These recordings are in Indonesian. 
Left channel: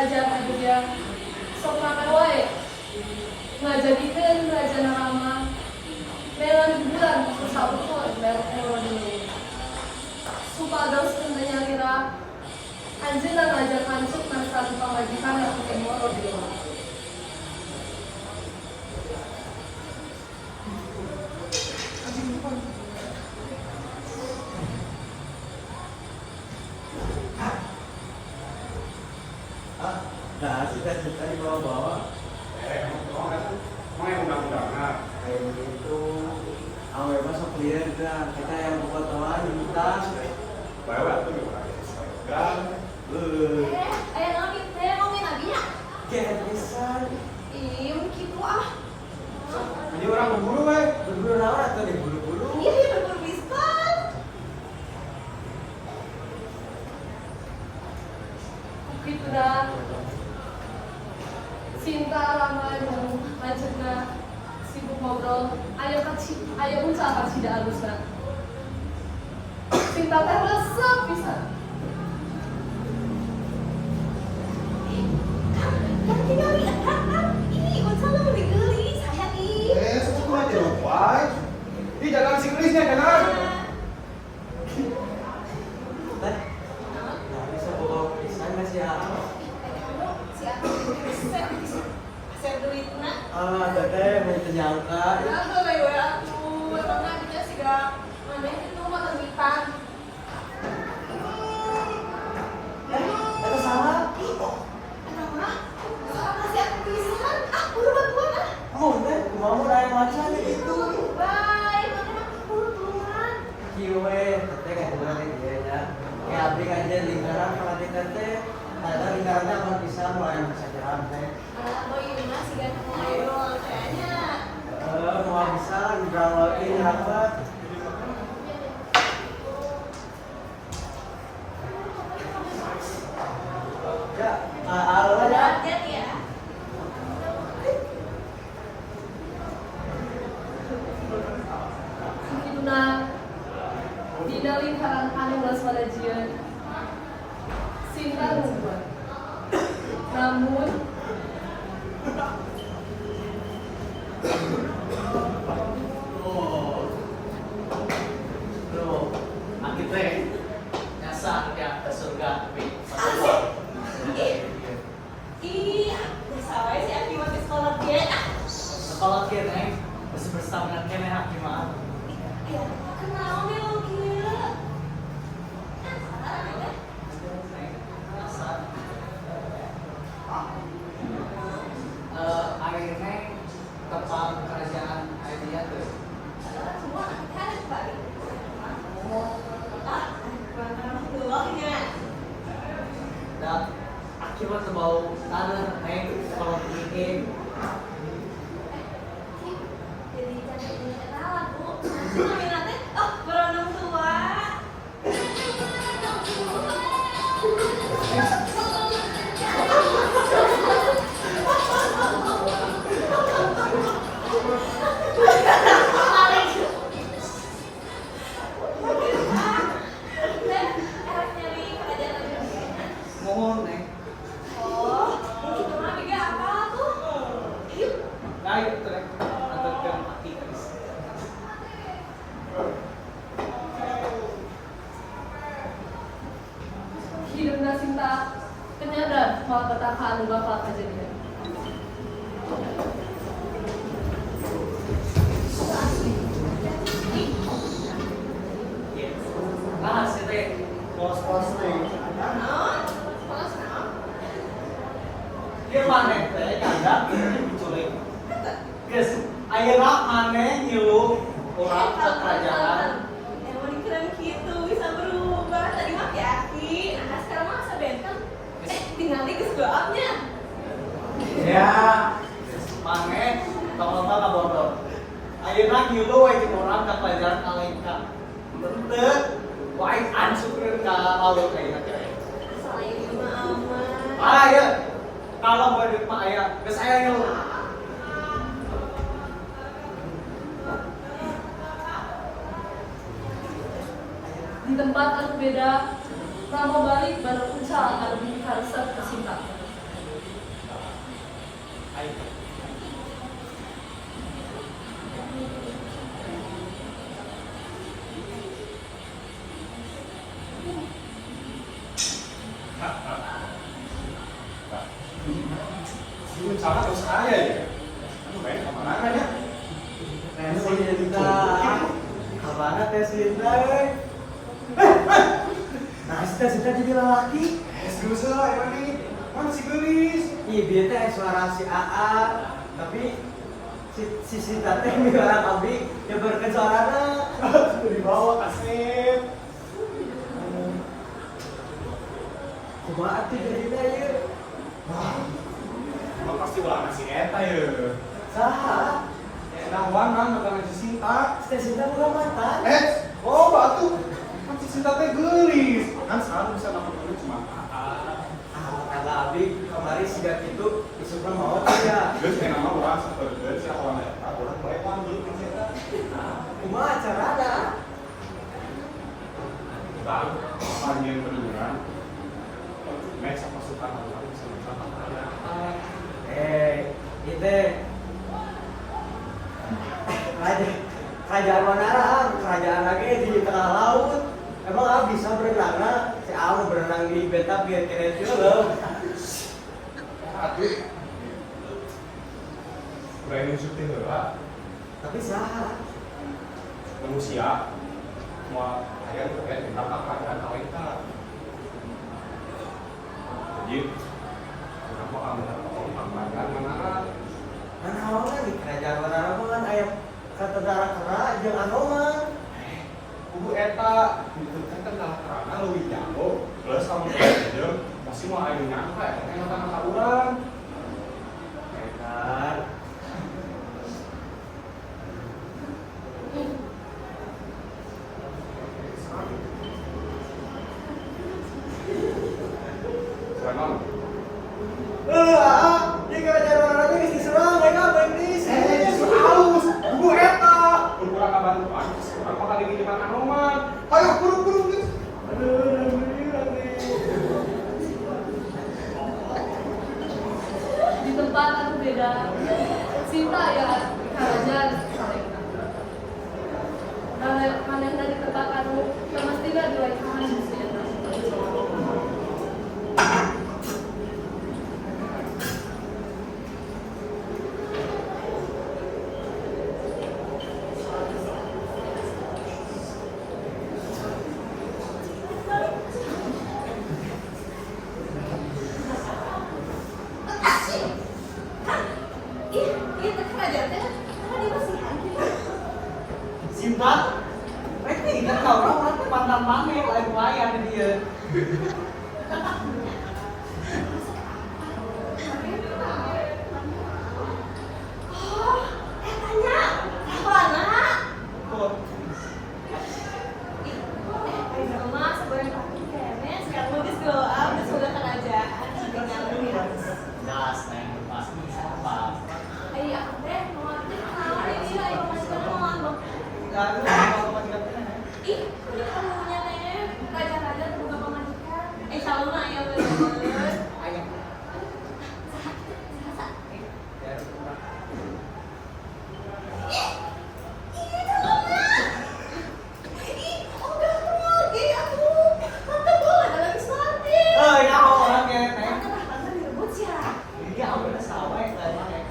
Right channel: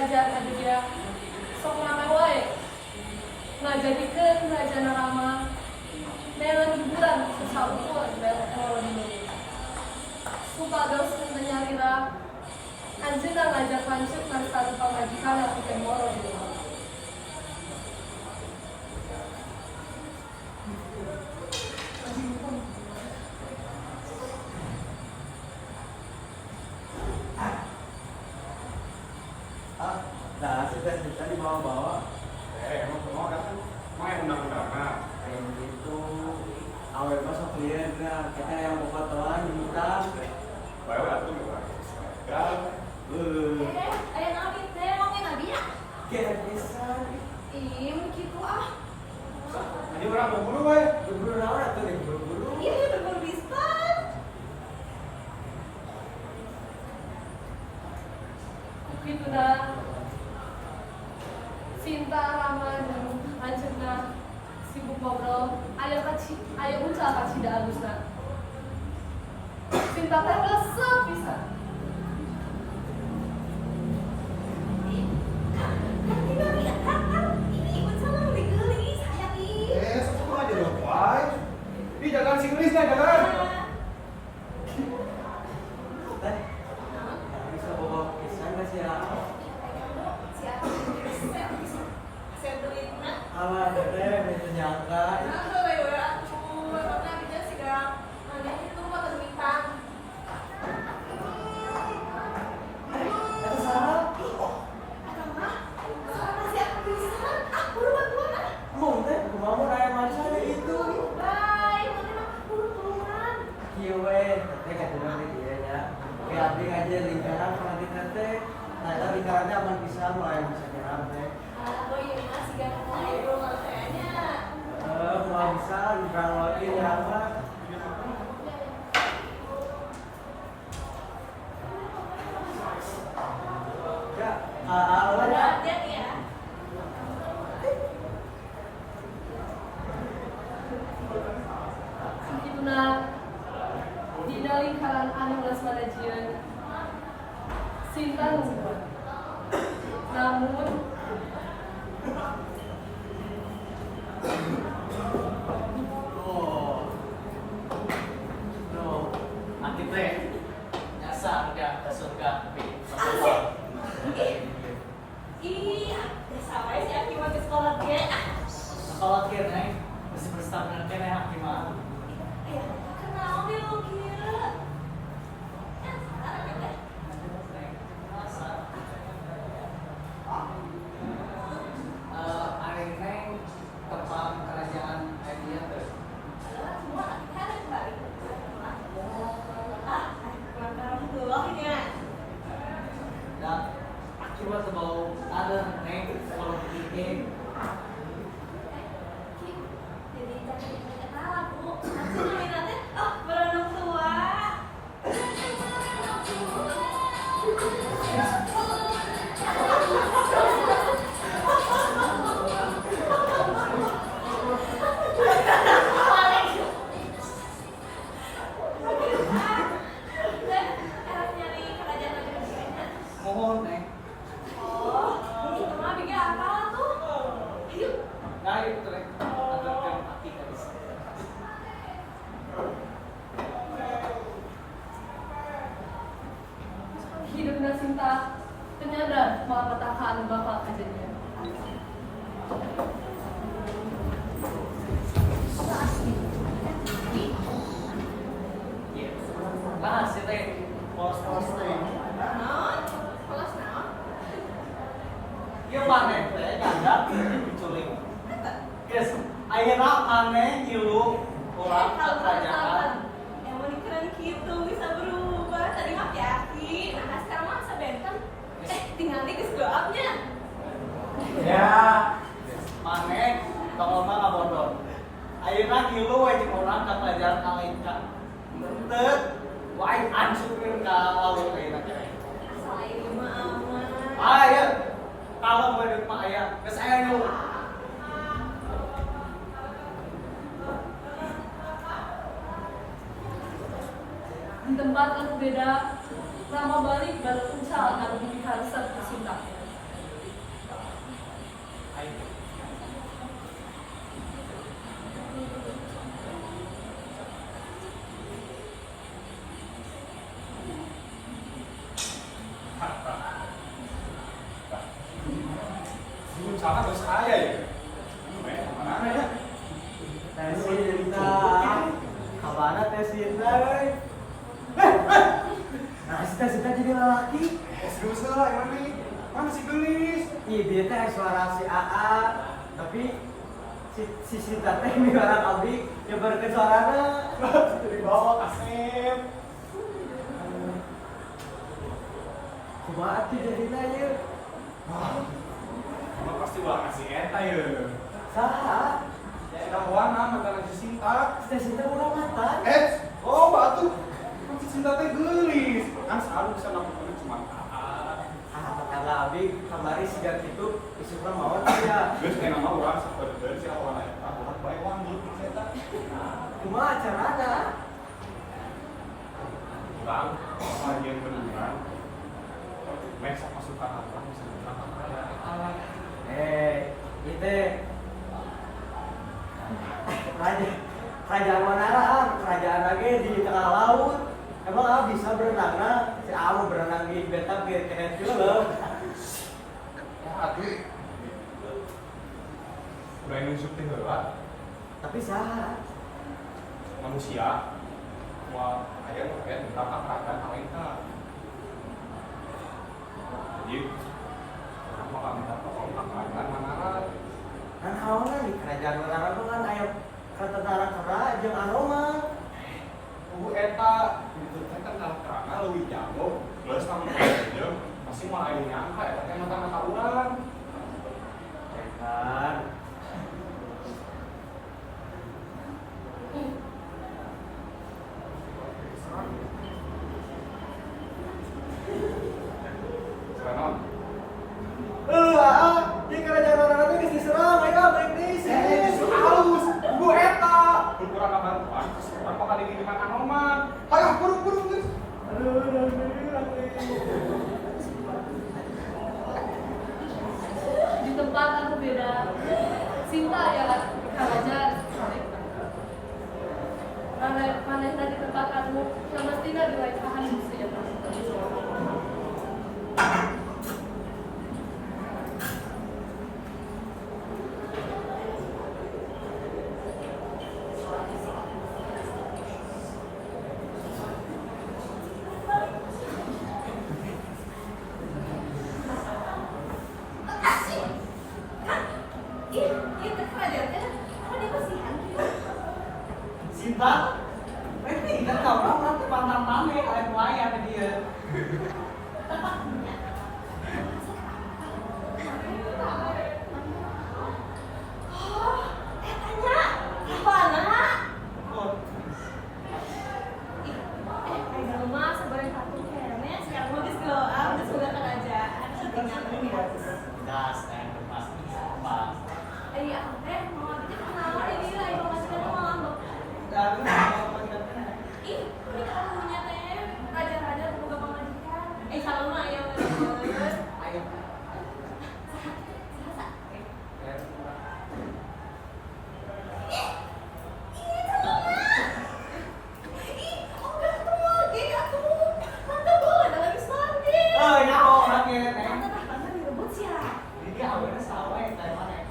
kerajaan adu dia sok rame wae ngajadikeun Raja Narama melan hiburan kusaukur mero dinu supados teu nyarira anjeunna ngajak lanceuk satu pamajikan pikeun moro di rumah. Nah, cita-cita dibawa-bawa. Mau yang undang-undangan. Kayak begitu. Awe masuk liar dah. Kita yang fotoan minta. Bawa atuh di orang Instagram. Aya naon ieu teh ngomongin abinya? Kayak bisa. Ih, kitu ah. Ini orang berburu we. Berburu naon atau diburu-buru? Ih, berburu biskuit. Kukitu dah Sinta lama jeung lanceukna sibuk ngobrol aya uncal ka cida alusna. Sinta teh resep pisan. Kan tinggal lihat kan. Ih, unsur lu digeulis sayang ih. Sesuatu aja lu, why? Ih, jangan si gelisnya, jangan. Teh, nah bisa bawa pisan nggak sih apa? Si aku saya duitna. Alah, teteh mau ternyangka. Aduh, we atuh. Emangna bisa sih gak maneh itu mah duitan. Itu salah. Ih, kok emang mah sama si aku pisan. Ah, buru bantuan ah. Oh, teh, mau raya macam itu. Bye, mana mah buru turungan. Kiwe, teteh kayak gimana dia ya? Kayak abdi aja lingkaran pelantikan teh. Ada lingkarannya apa bisa mulai bisa jalan teh. Boy, ini masih gak mau idol kayaknya. Mau bisa ngrawati jerawat. Enggak, alo. Hati-hati ya. Sakituna dina lingkaran anu geus walajieun Sinta nungguan. Namun Aki teh nyasa ke atas surga tapi Asik. Ih, biasa wae si Aki mah ke sekolah dia. sekolah kia neng masih bersama dengan Aki mah. Aya, kenal deh lu gila. Kan sekarang ya. Ari neng kepala kerajaan Aidia tuh. Padahal semua kan ada kembali. Ah, kurang dulu ya. Dan Aki mah sebau tanah neng kalau bikin. Jadi jadi kenal aku. Nanti nominatnya, oh berenang tua. Mohon neng. Oh, itu mah biga apa tuh? Yuk. Nah itu neng. Antarkan Aki habis. hidupna Sinta penyadar malapetaka anu bakal kejadian. Nah, si teh polos-polos teh. Naon? Polos naon? Ieu maneh teh nyandak diculik. Geus, ayeuna maneh ngilu urang ka kerajaan. Emang keren gitu, bisa berubah. Tadi mah Aki, nah sekarang mah sebentem. Tinggal di geus-geupnya. Ya, maneh tong lomba ngabodor. Ayeuna ngilu we jeung urang ka kerajaan Alengka. Teu, wae ansukeun ka laut ayeuna teh. Asal ini mah aman. Aya, kalau badut mah aya, geus aya ngilu. Di tempat anu beda, Rama balik baru uncal anu bibi haresep ke Sinta. Dulu sangat terus kaya ya. Anu banyak kemana ya? Sinta, kemana teh Sinta? Nah, Sinta jadi lelaki. Serius lah, emang nih. Mana si gelis? Iya, dia teh suara si AA, tapi si Sinta teh mi orang abdi nyebarkeun suarana. Dari bawah kaset. Kumaha tuh jadina ye? Wah, emang pasti ulah ngasih eta ya. Saha? Nah, wana mata si Sinta. Teh Sinta bukan mantan. Oh, batu. Kan si Sinta teh gelis. Kan selalu bisa nampaknya cuma AA. Kata abdi kamari siga kitu isukna maot ya. Geus kena mah urang saperkeun si awan eta, urang bae lanjut ke eta. Kumaha carana? Urang panggian beneran. Mesa pasukan urang bisa menang kaya. Itu kerajaan Manara, kerajaan lagi di tengah laut. Emang abdi bisa berenang, si Amu berenang di beta biar keren film. Ya atuh. Udah nusuk teh heula. Tapi saha? Manusia semua aya nu kaget minta kerajaan aweta. Jadi urang mah minta tolong kerajaan Manara. Kan awalnya di kerajaan Manara mah kan aya kata darah kera jeung Anoman. Kudu eta itu teh kan terana leuwih jago. Plus lamun kerajaan pasti mau aya nyangka eta teh mata-mata urang. Hebat. Serangan. Di kerajaan Manara geus diserang, ayo baik Justru aus. Kudu eta. Kun kurang kabantuan, urang bakal dipinjeman Anoman. Hayo buru-buru geus. Di tempat anu beda. Sinta ya di kerajaan Saleka. Manehna di tempat anu semestina dilekahan si eta. Itu kerajaan teh apa dia masihan gitu? Sinta, mereka ingat kau orang teh mantan maneh lain wayang dia. Oh, etanya Ravana. Ayo di rumah sebarang kartu kene, sekarang mau glow up, udah sudah kerajaan, tinggal lihat. Gas yang lepas apa? Ayo aku teh mau ambil kenalan ini lah, ibu masih mau ngambek. Lalu apa majikan teh? Ih, ini anunya nih, raja-raja buka pemajikan. Saluna ya bener. Ayo. Oh, ini orangnya teh. Ini awalnya sawah yang tadi pakai.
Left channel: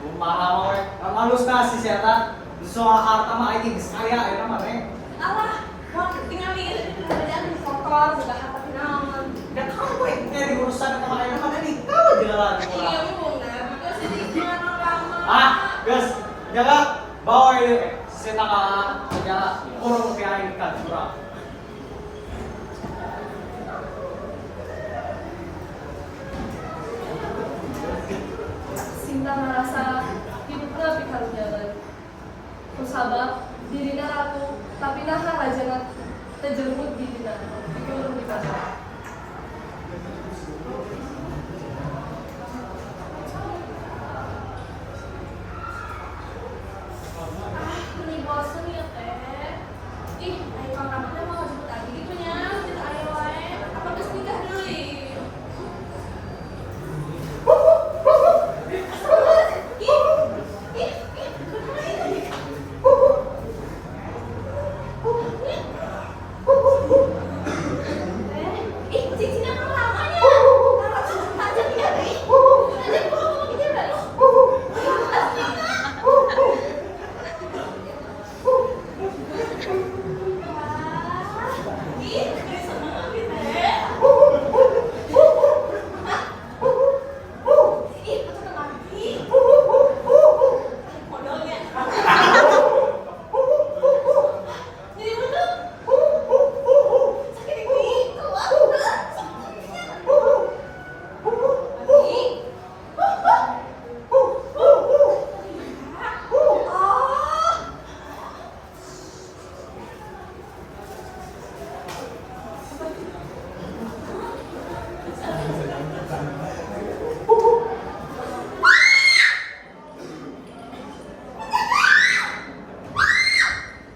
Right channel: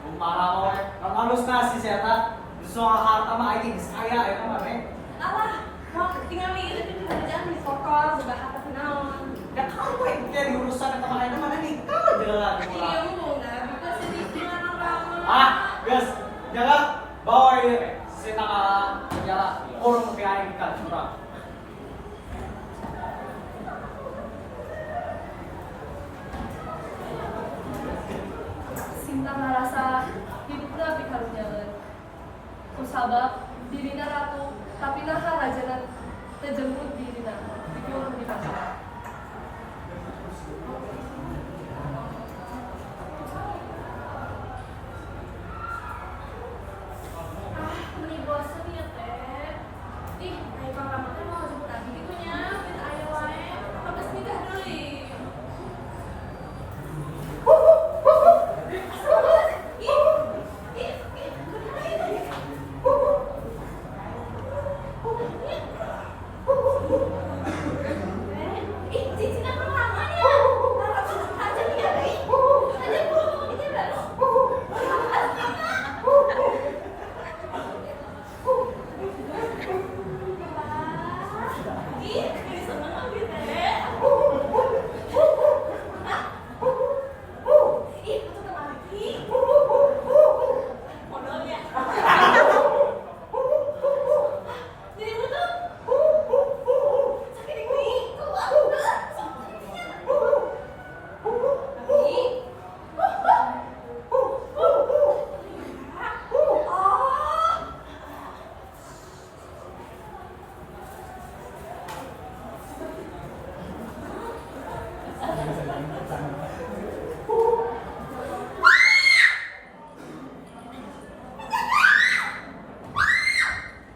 Kumaha we? Halus nasi setan. Soal harta mah aing geus kaya ayeuna mah teh. Da kau we jadi urusan eta mah ayeuna mah nih. Kau jalan geus jaga bawa ieu setan ka penjara. Kurung ke aing ka curang. Sinta ngerasa hidupnya pikarunyaeun. Kusabab dirina ratu, tapi naha rajana tejengkut dirina, dikurung di pasar. Ini bosen ya teh. Ih, ayo kakak teh mau jemput Ih, seneng abi teh. Hah? Ih, aku tuh lagi. Modalnya. Jadi bener. Sakit ini. Keluar. Abi. Oh.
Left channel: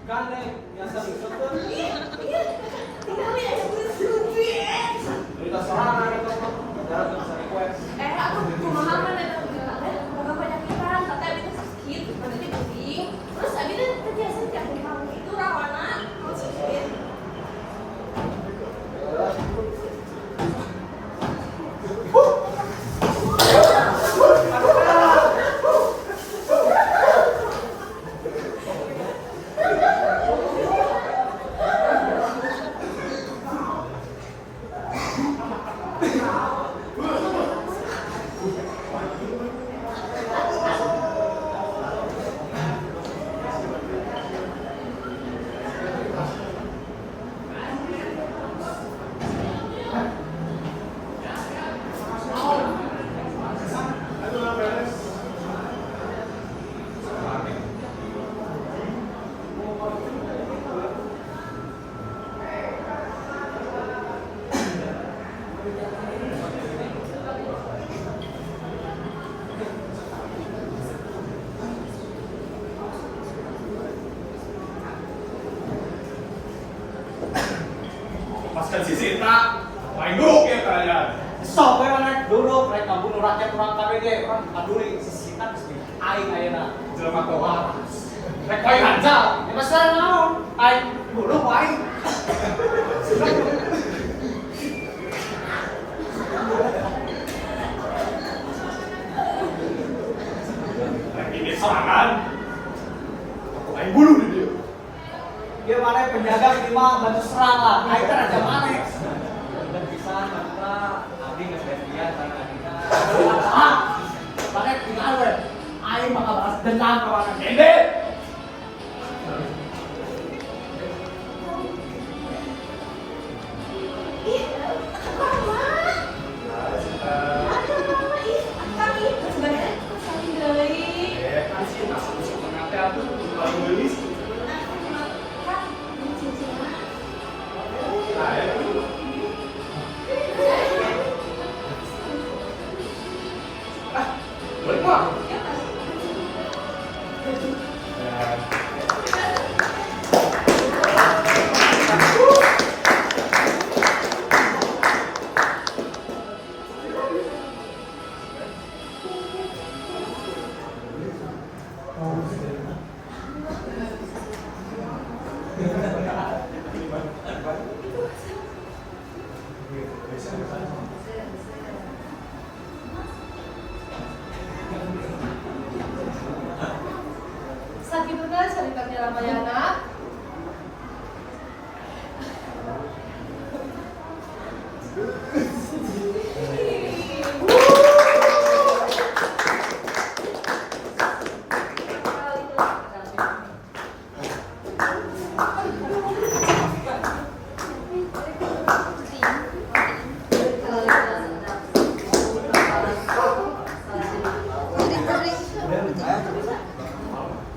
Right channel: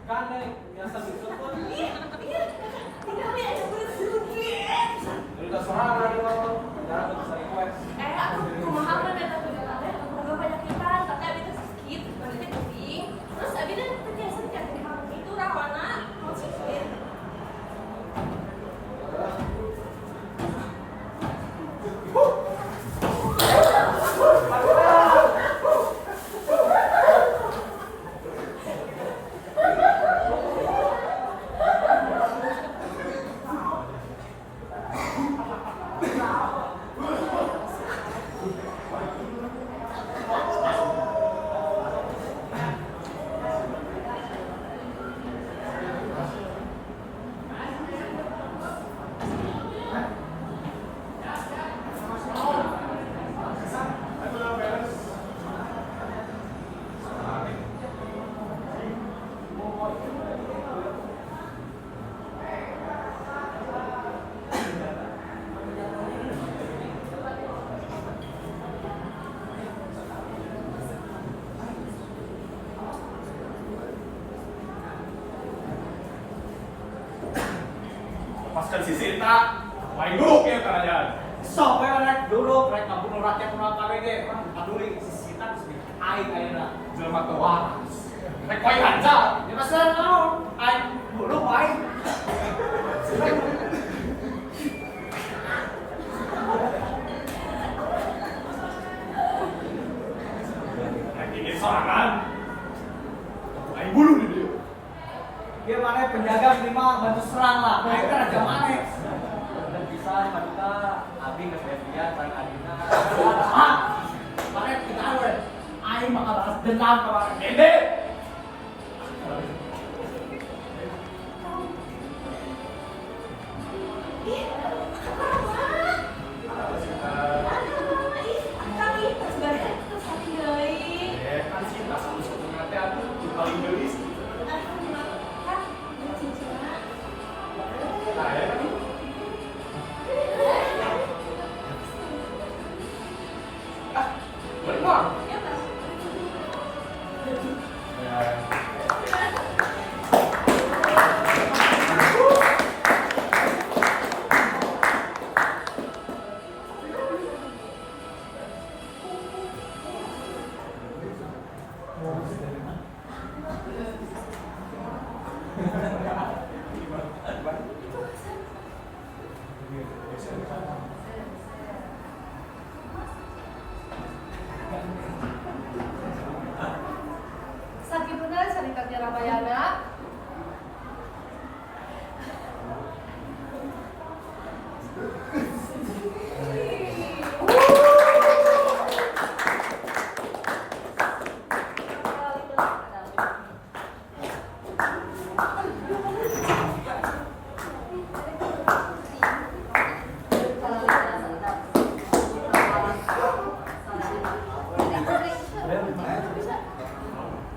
Gandeng, biasa betul. Iya, tinggalin aja udah setuju. Cerita serangan itu, jarang tuh bisa request. Aku pemahaman ya tapi ada kurang banyak pikiran, tapi abi tuh sakit, badannya pusing. Terus abi tuh terbiasa tiap hari kamu itu rawana, kamu sakit. Lepaskan si Sinta. Paling buruk ya kalian. Sok we rek duduk, rek bunuh rakyat orang KBD, orang paduri sisitan sih. Aing ayeuna Jelma teu waras. Rek wae hancal. ya masalah naon? Aing bunuh aing. Rek ini serangan. Aku aing bunuh di dia. Dia mana penjaga ini mah bantu serang lah. Aing kan raja mana? Dan pisan kita abdi geus betia tan adina. Mana tinggal we. Aing mah balas dendam ka mana gede. Ih, apa? Aduh, ih, kami sebenarnya aku sakit deui. Kan Sinta sama nanti aku paling gelis. Aku cuma kan cincin. Nah ya. Ah, balik mah. Ya kan? Biasa